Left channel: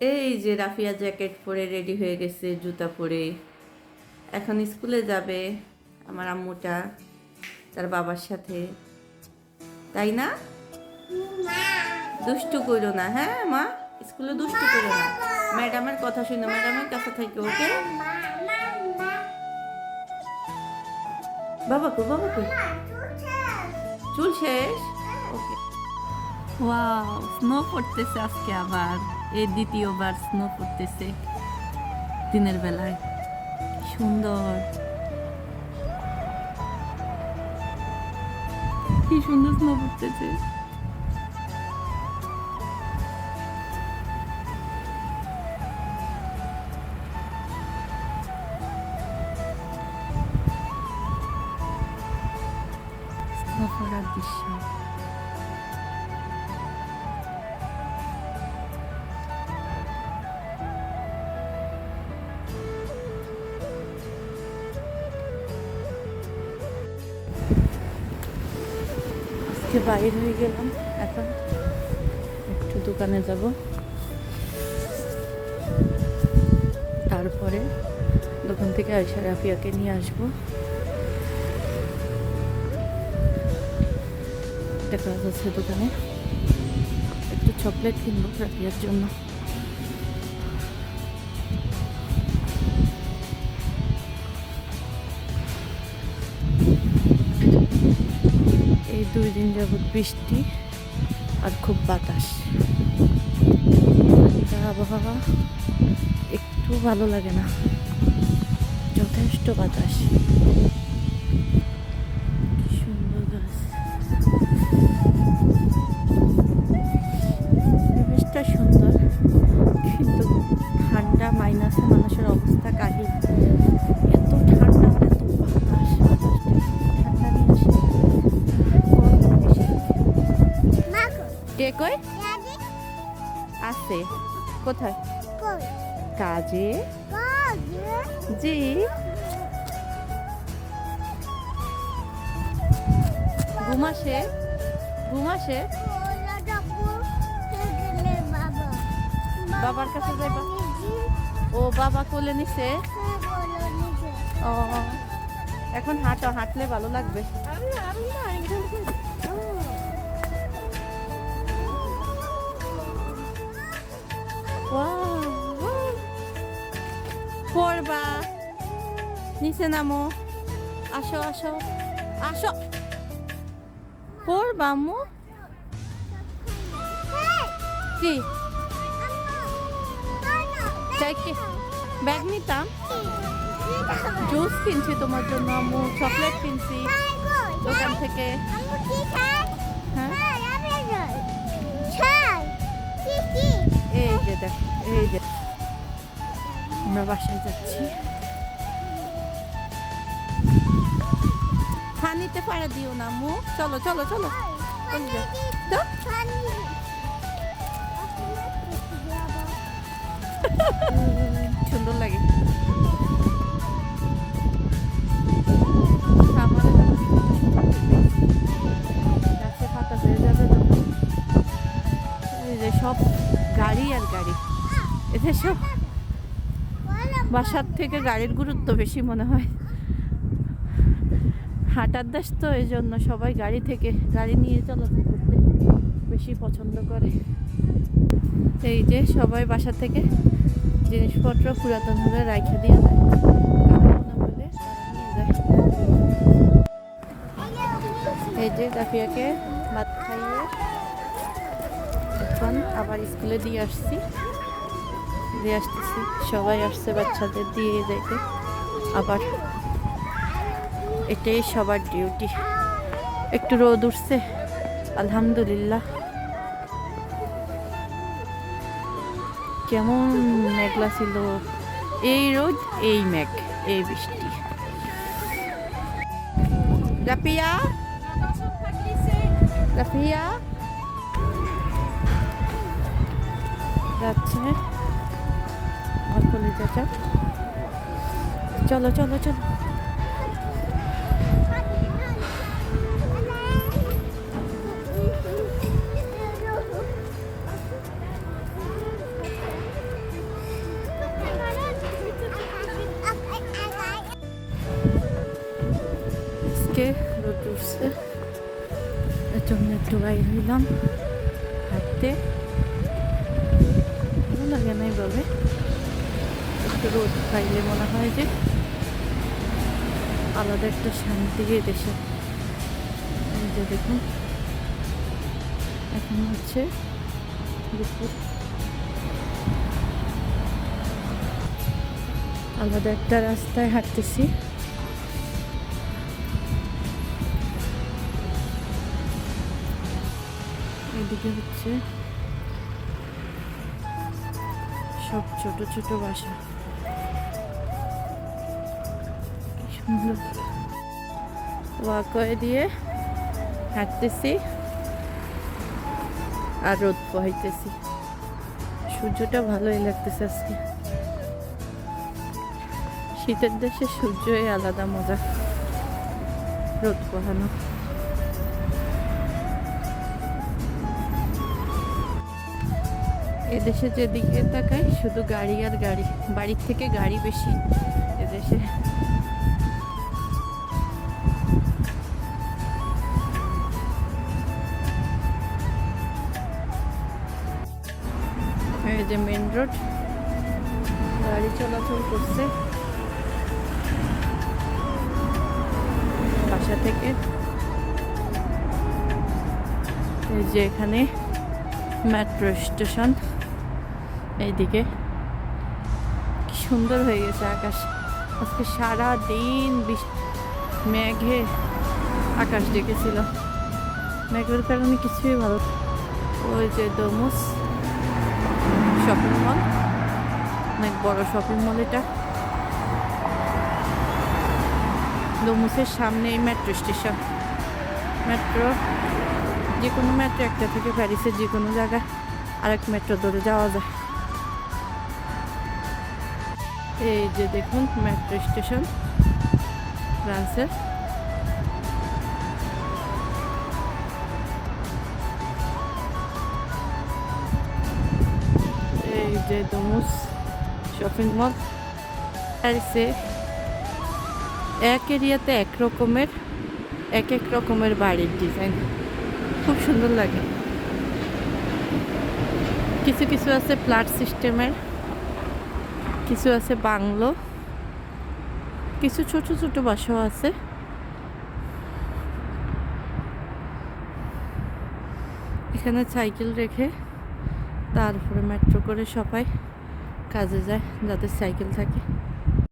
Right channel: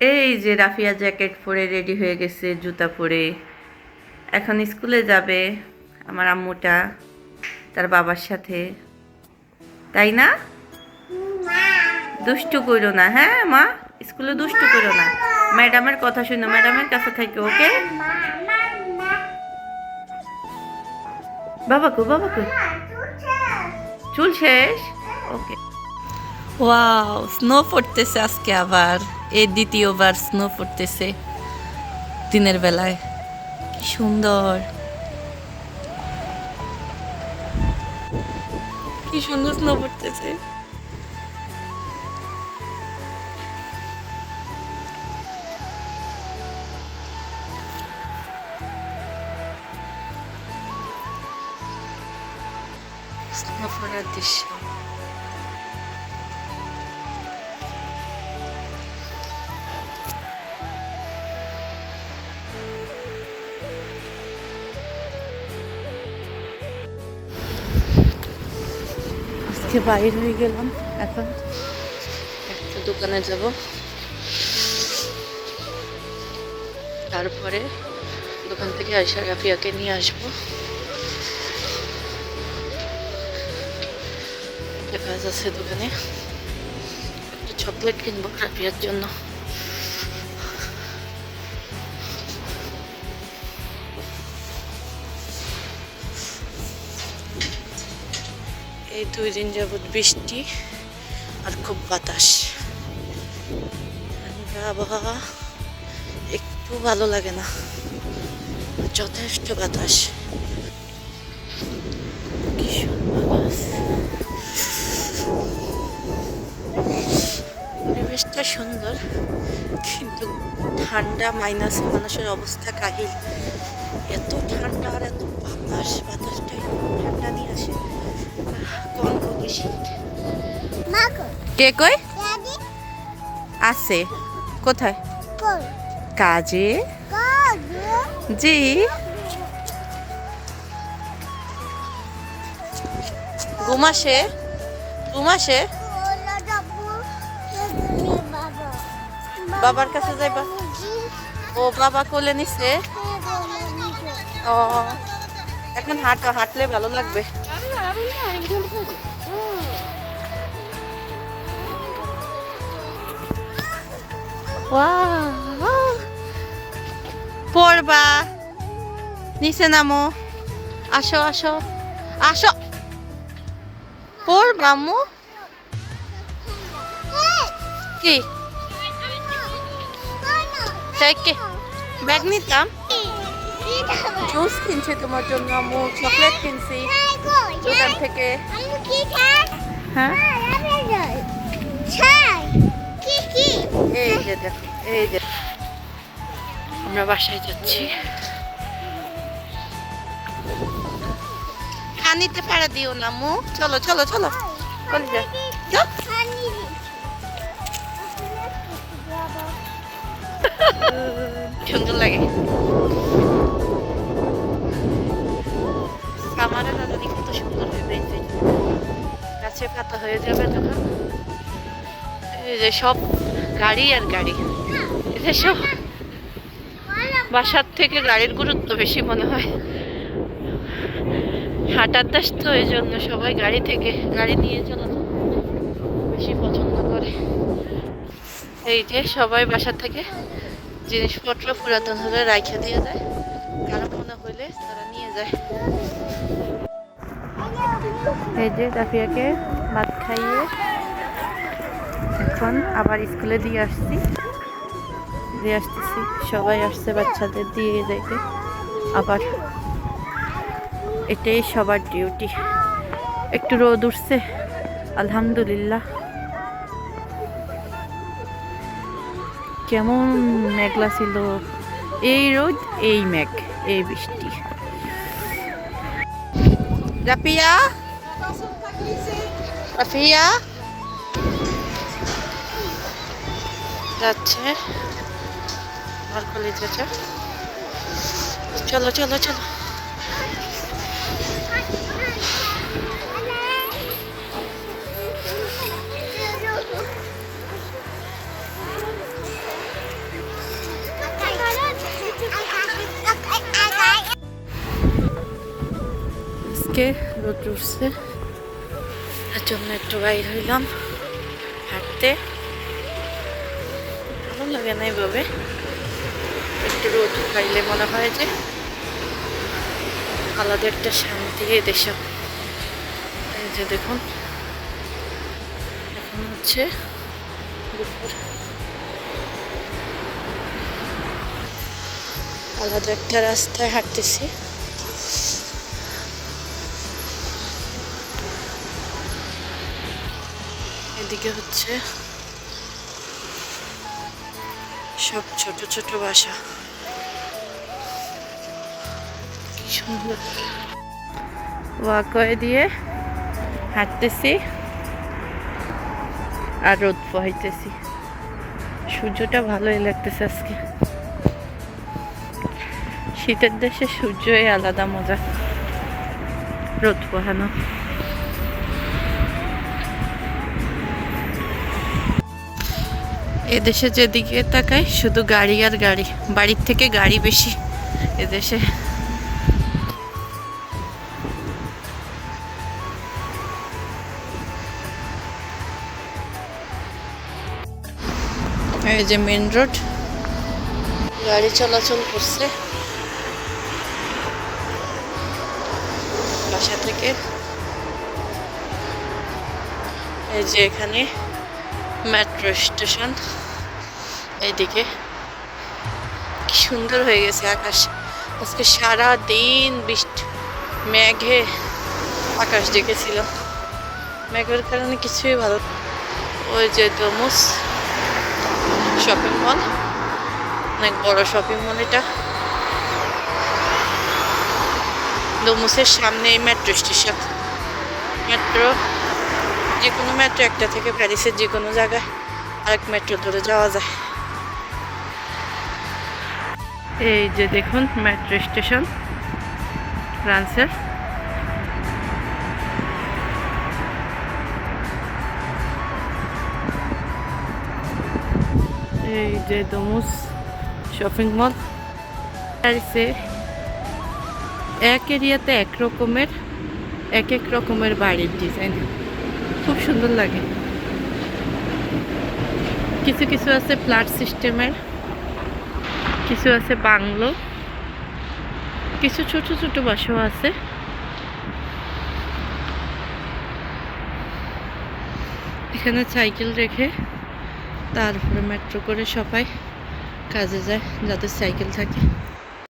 এই যে রাফিয়া জ্যাকেট পরে রেডি হয়ে গেছে জুতা পরে। এখন স্কুলে যাবে আমার আম্মুটা তার বাবার সাথে। তাই না? দুষ্টু করো না হ্যাঁ মা? স্কুলে দুষ্টু করো না। ম্যাডামের কথা শুনো ম্যাডামের কাছে থেকে ওকে? বাবাকু বাবাকু চুল শেষ? ওকে। ওয়াও স্নো পড়তেছে আজকে আবার। এই দ্বিতীয়বার স্নো পড়তেছে দিনের বেলায়। কি সুন্দর। কি সুন্দর স্নো পড়তেছে। স্নো পড়ার দৃশ্য। আজকে বাইর হয়ে গেলাম। এখন একটু দোকানে যাব। তারপরে দোকান থেকে আয়সা রাফিয়াকে নিয়ে আসব। কাজ আছে দোকানে। একটু চকলেট কিনবো রাফিয়ার জন্য। দুই দিন যাবৎ বৃষ্টি আর খুব বাতাস। আবহাওয়া একটু ভালো লাগে না, যথেষ্ট বাতাস। পরিবেশটা সুন্দর, কিন্তু ঠান্ডা মাইনাসে মানুষের অবস্থা কাহিল। এত ঠান্ডা আর এত বাতাস, বাতাসটাই ঠান্ডা নিয়ে আসে। কে কই? আছে। কোথায়? কাজে। জি। ঘুমাসে? ঘুমাসে? বাবার কাছে যাইবা? ও বাবা কোলে নিছে? ও। এখন হাঁটো, হাঁটলে ভালো লাগবে. পড়বা নিচে নামো আসো আসো আসো পড়বা আম্মু কি ব্যাগ জুস কিনছি তোমার জন্য, আম্মু চকলেট কিনছি। দোকান থেকে। হ্যাঁ? এই যে দেখো, এই যে। আমরা বাসায় যাচ্ছি। খানিতে পাড়া দিও না মু চলো চলো চলো। সুন্দর লাগে। আমারে দাদুনি কত সুন্দর হয়ে গাছে পাতা হয়ে যাবে তখন এই যে সব গাড়ি আর গাড়ি। এতে সব বাসার থেকে গাড়ির গুরুত্ব বেশি মনে হয়। হাঁটার দেশ তো এই জন্য সবাই গাড়ি থেকে গাড়ি নিয়ে চলাচল বেশি পছন্দ করে। এই যে সবাই বাসা থেকে জিনিসপত্র পুরাতন হলে রাইখা দিয়ে দেয়। কারও মনে হইলে তারা নিয়ে যায়। এই যে রাফিয়াকে ভাত খাইয়ে এখন আবার স্কুলে দিয়ে আসছি। দিয়ে আসতেছি। সবাই আসছে বাচ্চাদের দিয়ে যাইতে আবার এটাই সবার ডিউটি একটু রোদ উঠছে। আলহামদুলিল্লাহ। কেমন মেঘলা ছিল। এই রোদ, এই মেঘ, এই বৃষ্টি। রাফিয়া রাফিয়া যাচ্ছে। ঘর খুলে যাচ্ছে। চলো চলো চলো। আজকে রোদ উঠছে। জন্য একটু বাইর হইলাম হাঁটতে। ভালো লাগে না এইভাবে একটু রোদ খাইলে মনে হয় যে আলাদা একটা শান্তি দেশে। এই যে দেখুন, এখন হচ্ছে দুপুর। আলাদা একটা রাস্তায় হাঁটতেছি। এদিকে হচ্ছে সব ছোট ছোট বাসা। কি সুন্দর। ওয়াকওয়ে দিয়ে হাঁটতেছি আর রোদ পোহাইতেছি। সূর্যটা ভালোই লাগতেছে আজকে। শীতের দেশে সূর্যই আলাদা মজা, রোদ পোহানো। এদেশে যেদিকে তাকাই, শুধু গাড়ি আর গাড়ি। বাড়ির থেকে গাড়ি বেশি এদেশে। এই যে মেন রোড গাড়ি চলাচল করছে। বাসা থেকে। এই যে এখানে মেট্রো স্টেশন। এইদিকে। কি সুন্দর হয়ে গেছে আকাশ। আজকে সারা দিন বৃষ্টি, মেঘে আকাশ ডেকেছিল। মেঘের কারণে কিছুই ভালো ওই যে ডোমুস শপিং মল। অনেক বড় শপিং মল এটা। ডোমুসের সামনে এই মেট্রো স্টেশন। মেট্রো যে কোনো মেট্রো একটা থেকে প্যারিসের যে কোনো জায়গায় আরেক মেট্রো ধরে যাওয়া যায়। এই যে দেখুন মেট্রো স্টেশন ফ্রান্সের এই যে ডোমুস শপিং মল প্যারিসে এক এরিয়াতে এক রকমের, এক এক রকমের বাড়ির ডিজাইন খুব সুন্দর লাগে। কিছু কিছু আছে ফ্ল্যাট সিস্টেমের, কিছু আছে বাংলো, কিছু ছোট ছোট বাসাও আছে। এখানে সাইকেল রেখে তারপরে মেট্রো করে সবাই কাজে যায়, যাদের সাইকেল থাকে।